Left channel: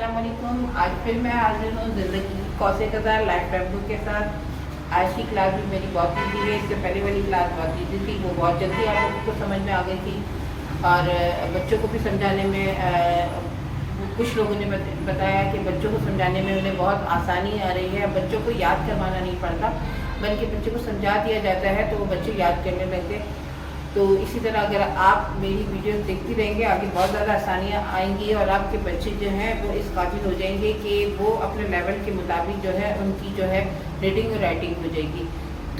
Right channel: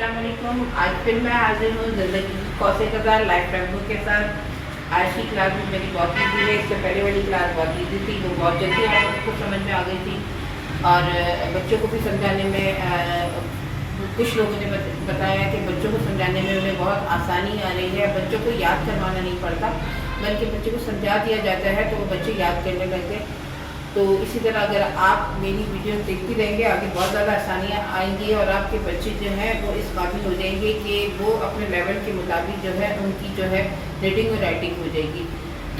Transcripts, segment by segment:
अस्सलाम वालेकुम। आज फिर मैं हाजिर हूँ ज़िंदगी कौसे कज़ार लाइफ टेम्पो के साथ। आज की क्लास भी मेरी बहुत ईजी है। इससे पहले वाली क्लास बहुत ईजी थी, वो बहुत जल्दी आप लोगों को समझ में आ गई थी और बच्चों को भी समझाने में कुछ लोगों ने बताया कि बच्चों को समझाने में उन्हें बहुत आसानी आ रही है। बच्चों को याद करवाना नहीं पड़ता, बल्कि बच्चों को समझा दिया जाता है तो वो बच्चे याद करने लगते। तो इसी तरह अगर आप मेरी वीडियो देखती रहेंगे आगे बहुत ज़्यादा आसानियाँ आएंगी और आपके बच्चे जो हैं वो इस काबिल हो जाएंगे कि वो अपने लेवल के मुताबिक जो है उनकी जो है रीडिंग और राइटिंग हो जाएगी।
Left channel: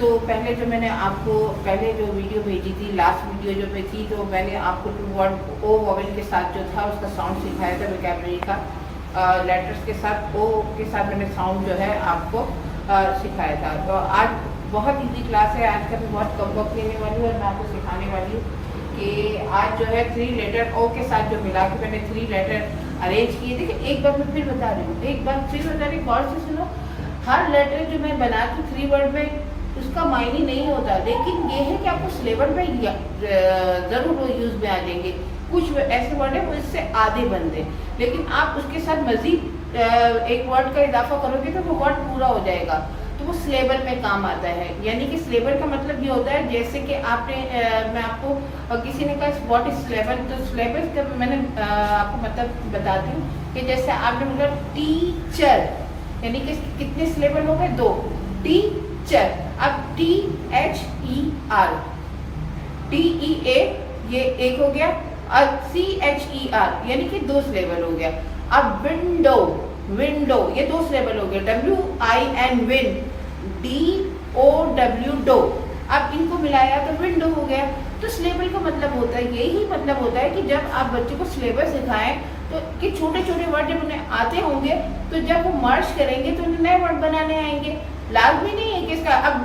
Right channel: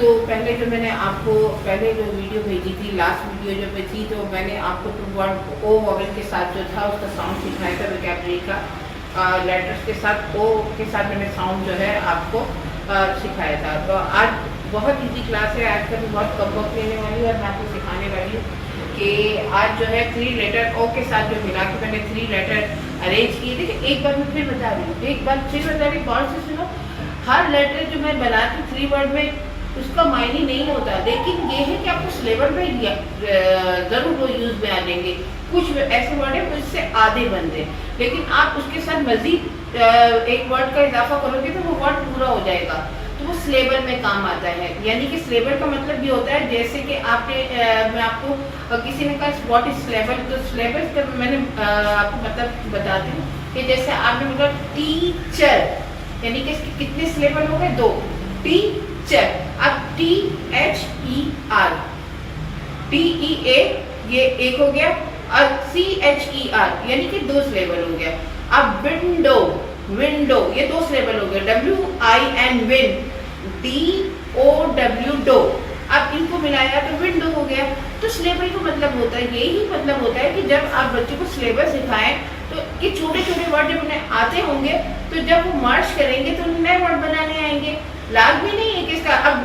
तो पहले जो मैंने आपको पहले जो वीडियो भेजी थी, लास्ट वीडियो जो में थी, तो मैंने आपको टू वर्ड ओ वॉवेल के साथ जो था उसका साउंड सिखाया था, वोकैबुलरी का लेटर्स के साथ ओ के साथ मैंने साउंड जो है आपको सिखाया था। तो आज बहुत इजी क्लास है, आज का भी बहुत कम वक्त लेने वाली हूँ और मैं आपको सिखाने वाली हूँ कि आज जो है 3 लेटर ओ के साथ जो मिला के मैंने 3 लेटर अरेंज किए। देखिए एक बार मैं फिर बता रही हूँ, एक बार फिर बता रही हूँ, गौर से सुनो। हर लेटर जो मैं बनाती हूँ 3 वर्ड में उसका मायने नहीं होता, लेकिन ये है कि आपको सिलेबस में ज़रूर वो यूज़ में आ जाएंगे। कुछ ऐसे वर्ड है वो इससे आधे बनते हैं, लेकिन आप उसके साथ मज़ीद एक वर्ड का इजाफा करोगे तो वो वर्ड पूरा हो जाएगा, तो वो सिलेबल में काम आता है। यानी कि सिलेबल का मतलब ये होता है जैसे कि आपने मैं आपको किसी ने कहा व्हाट इज सिलेबल, तो सिलेबल का मैंने आपको मतलब बताती हूँ कि जैसे आपने मतलब टीचर, यानी कि इसके कितने सिलेबल हो गए? 2। टीचर, अब THER, TEA ये एक हो गया और CHER यानी कि 2 सिलेबल हो गया। अब विंडो, विंडो ये 2 सिलेबल हो गए। WIN विन, DOW डो, अब इनको मिलाया तो विंडो हो गया। तो सिलेबल का मतलब होता है, यही मतलब होता है कि जब आप बच्चों को सिलेबस सिखाएं तो ये छोटे छोटे वर्ड जब उन्हें आते होंगे तो जब वो मर्ज करेंगे तो नए वर्ड बनाने आएंगे। लाजमी नहीं है कि इसका अब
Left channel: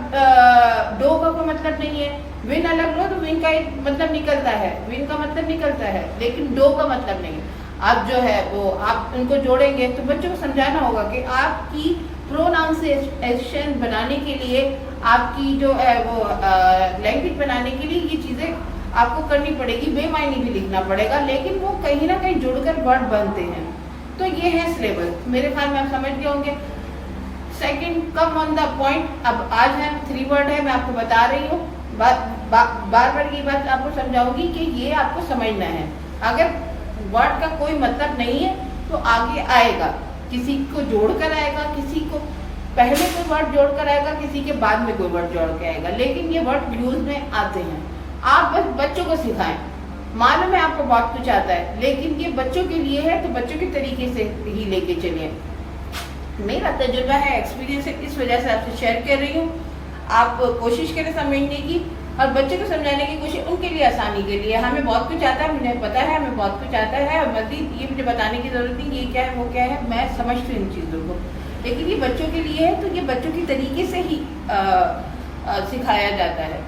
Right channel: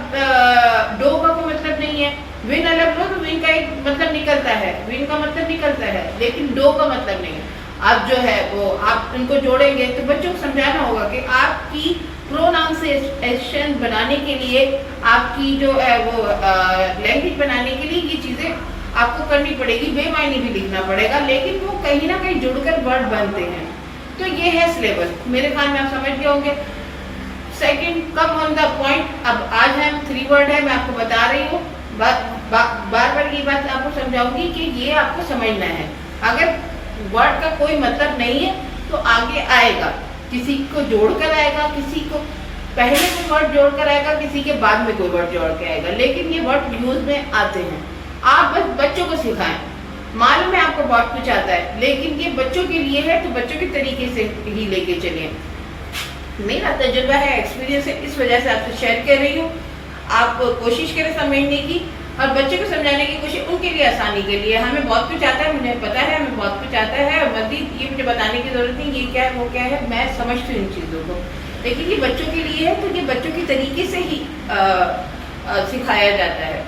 डो का कोई मतलब नहीं है, विन अलग लो तो विन का एक मतलब निकलता है, विन का मतलब निकलता है, लेकिन डो का मतलब नहीं है। आप जो है वो आप उनको जोड़ेंगे तो बच्चों को समझाना होगा कि आपकी प्रोनाउंसिएशन बनाने के लिए, आपकी जो है वो लैंग्वेज बनाने के लिए ये चीज़ें आपको करनी पड़ेगी। बेमायनी भी लिखना पड़ेगा, लेकिन वो कहीं ना कहीं जुड़कर वर्ड बनते हैं। तो ये है सिलेबस, मेरे ख्याल में आप समझ गए होंगे। Second, come on the point. अब आज हम 3 वर्ड है, मैं आपको बता रही हूँ, बार बार ये बात आपको समझाऊंगी कि ये आपको समझना है। अगर वर्ड का कोई मतलब नहीं है तो आगे आएगा, किसी को जोड़कर आएगा, किसी को पहले कोई वर्ड जोड़कर आएगा, किसी के बाद में कोई वर्ड जोड़ के आएगा, लेकिन ये वर्ड यूज में आते हैं। आप बस बच्चों को सिखाएं। मालूम है आपको बहुत कुछ आता है, लेकिन ये बच्चों के लिए है तो बच्चों के तरीके से ही लेके चलिए। मेरा तजुर्बा है, एक्सपीरियंस है, इस वजह से आपसे शेयर कर रही हूँ। आप कोशिश करें समझने की और बच्चों को समझाने की कोशिश, उनके लिए आसानी के लिए। हमें बहुत कुछ आता है, मुझे पता है हमें बहुत कुछ आता है और मज़ीद ये मुझे बताने की ज़रूरत नहीं, ये क्या है वो क्या है, मैं समझती हूँ इन चीज़ों को, लेकिन ये बच्चों के लिए है तो ये बच्चों की तरीके से ही सिखाया जाता है।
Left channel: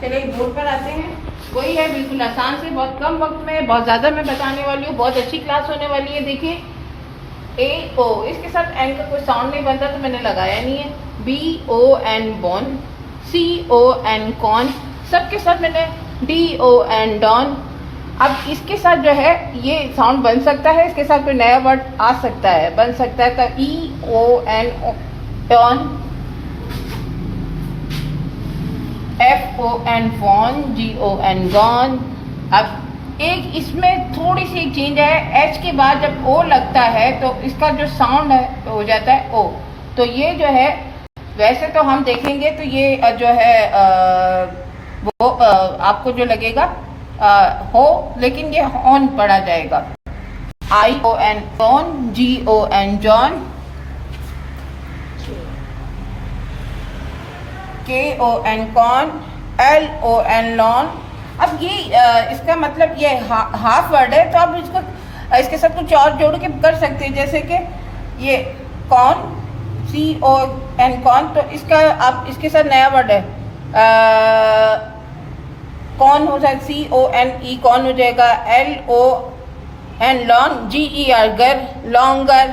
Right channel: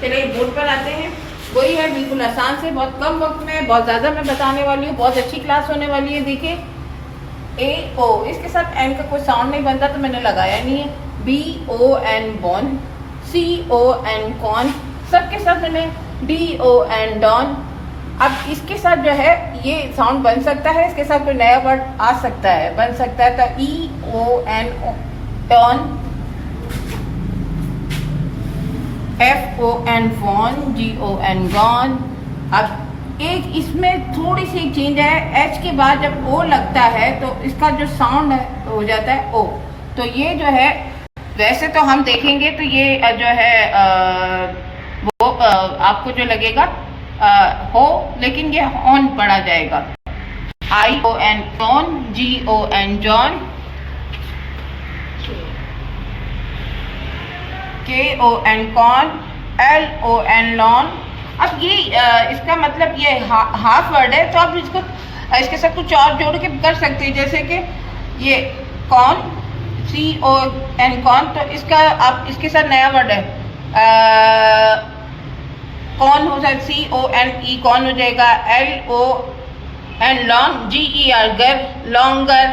चलिए बोर्ड पर आते हैं। वही है बिल्कुल आसान से, बहुत कम वक्त में बहुत ज़्यादा मैं बताने वाली हूँ, बहुत अच्छी क्लास होने वाली है। देखिए AO, इसके साथ N का कोई साउंड नहीं बनता तो मैंने लगाया नहीं है। BON बॉन, CON कॉन, सबके साथ मैंने DON डॉन। अब इसके साथ जो है ये साउंड बन सकता है, इसके साथ कोई नया वर्ड आ सकता है, बन सकता है। तो EON डॉन, FON फॉन, GON गॉन। अब एक इसमें थोड़ी सी चेंज है, H के बाद जब O लगता है तो इसका जो साउंड है हो जाता है O। तो ये जो है वैसे तो हम देखेंगे तो ये जो है वो आपको जो लगेगा हो, लेकिन ये ऑन पढ़ा जाएगा। ION ऑन, GON जॉन, KON कॉन, LON लॉन। अब ये इसका मतलब ये हाफ वर्ड है, तो आप इसको इसके साथ कुछ और जोड़ के कर सकते हैं, जैसे कि ये कॉन, CON कॉन, तो इसका आप इसके साथ नया वर्ड है कॉन हो जाएगा, CONE कॉन हो जाएगा। LON लॉन्ग, GER गर, लॉन्गर,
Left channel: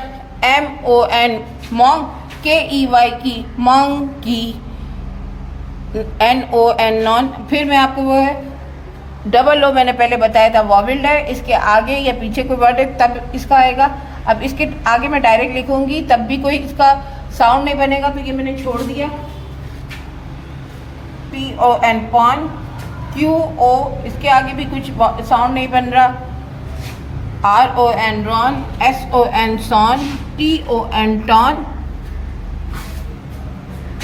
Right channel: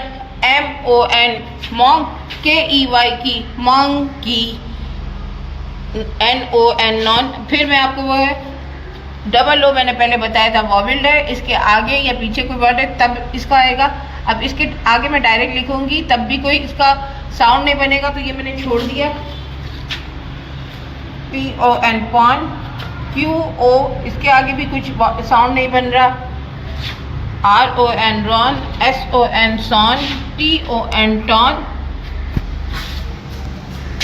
MON मॉन्ग, KEY की मॉन्ग की, NON नॉन। फिर मैं आपको वो है डबल ओ मैंने पहले बताया था वॉवेल्ड है, इसके आगे या पीछे कोई वर्ड है तब इसका आएगा। अब इसके आगे मैं डायरेक्ट लिखूंगी तब भी कोई इसका साउंड नहीं बनेगा, तो ये मैंने छोड़ दिया। PON पॉन, QO इसके आगे भी कुछ साउंड नहीं बन रहा। RON रॉन, SON सॉन, TON टॉन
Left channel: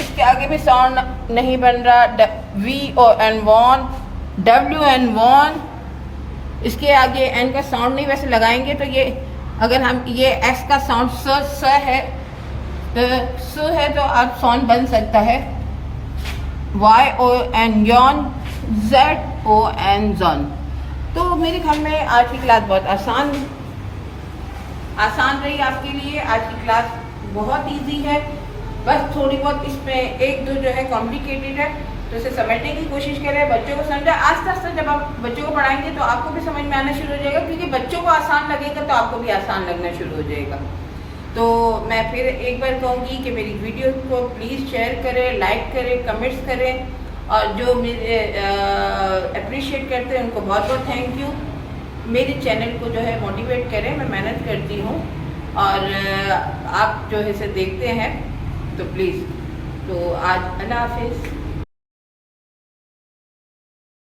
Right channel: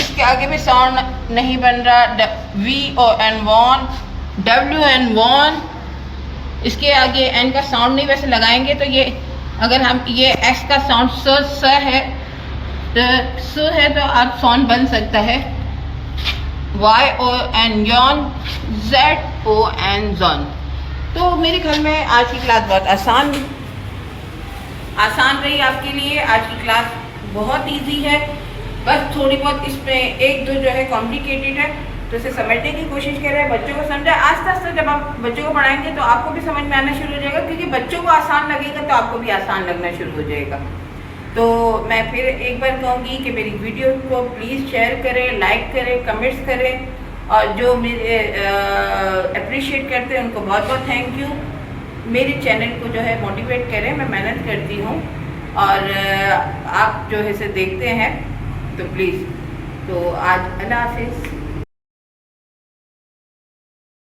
इसके आगे भी साउंड नहीं बन रहा। VON वॉन, WN वॉन इसके आगे N का साउंड नहीं वैसे लगाएंगे तो ये अगर हम ये X का साउंड स है तो आप साउंड बन सकता है। YON Yon, ZON John. तो मेरे ख्याल में आज की क्लास बहुत आसान रही आपके लिए। आज की क्लास बहुत इजी है, बस थोड़ी बहुत इसमें एक दो जो है कॉम्प्लिकेटेड है, तो इसे समझने की कोशिश करें, बच्चों को समझा। आस्ते आस्ते जब आप बच्चों को पढ़ाएंगे तो आपको भी समझ में आना शुरू हो जाएगा, क्योंकि बच्चों को आसान लगेगा तो आपको भी आसान लगना शुरू हो जाएगा। तो मैं फिर एक बार कहूँगी कि मेरी वीडियो को प्लीज़ शेयर करें, लाइक करें, कमेंट्स करें, और जो मेरे अप्रिशिएट करते हैं उनको बहुत बहुत थैंक यू। मेरे चैनल को जो है मोटिवेट करें, मैं मेहनत करती हूँ और आप जो है इसे देखते हैं तो प्लीज़। तो आज अल्लाह हाफिज़।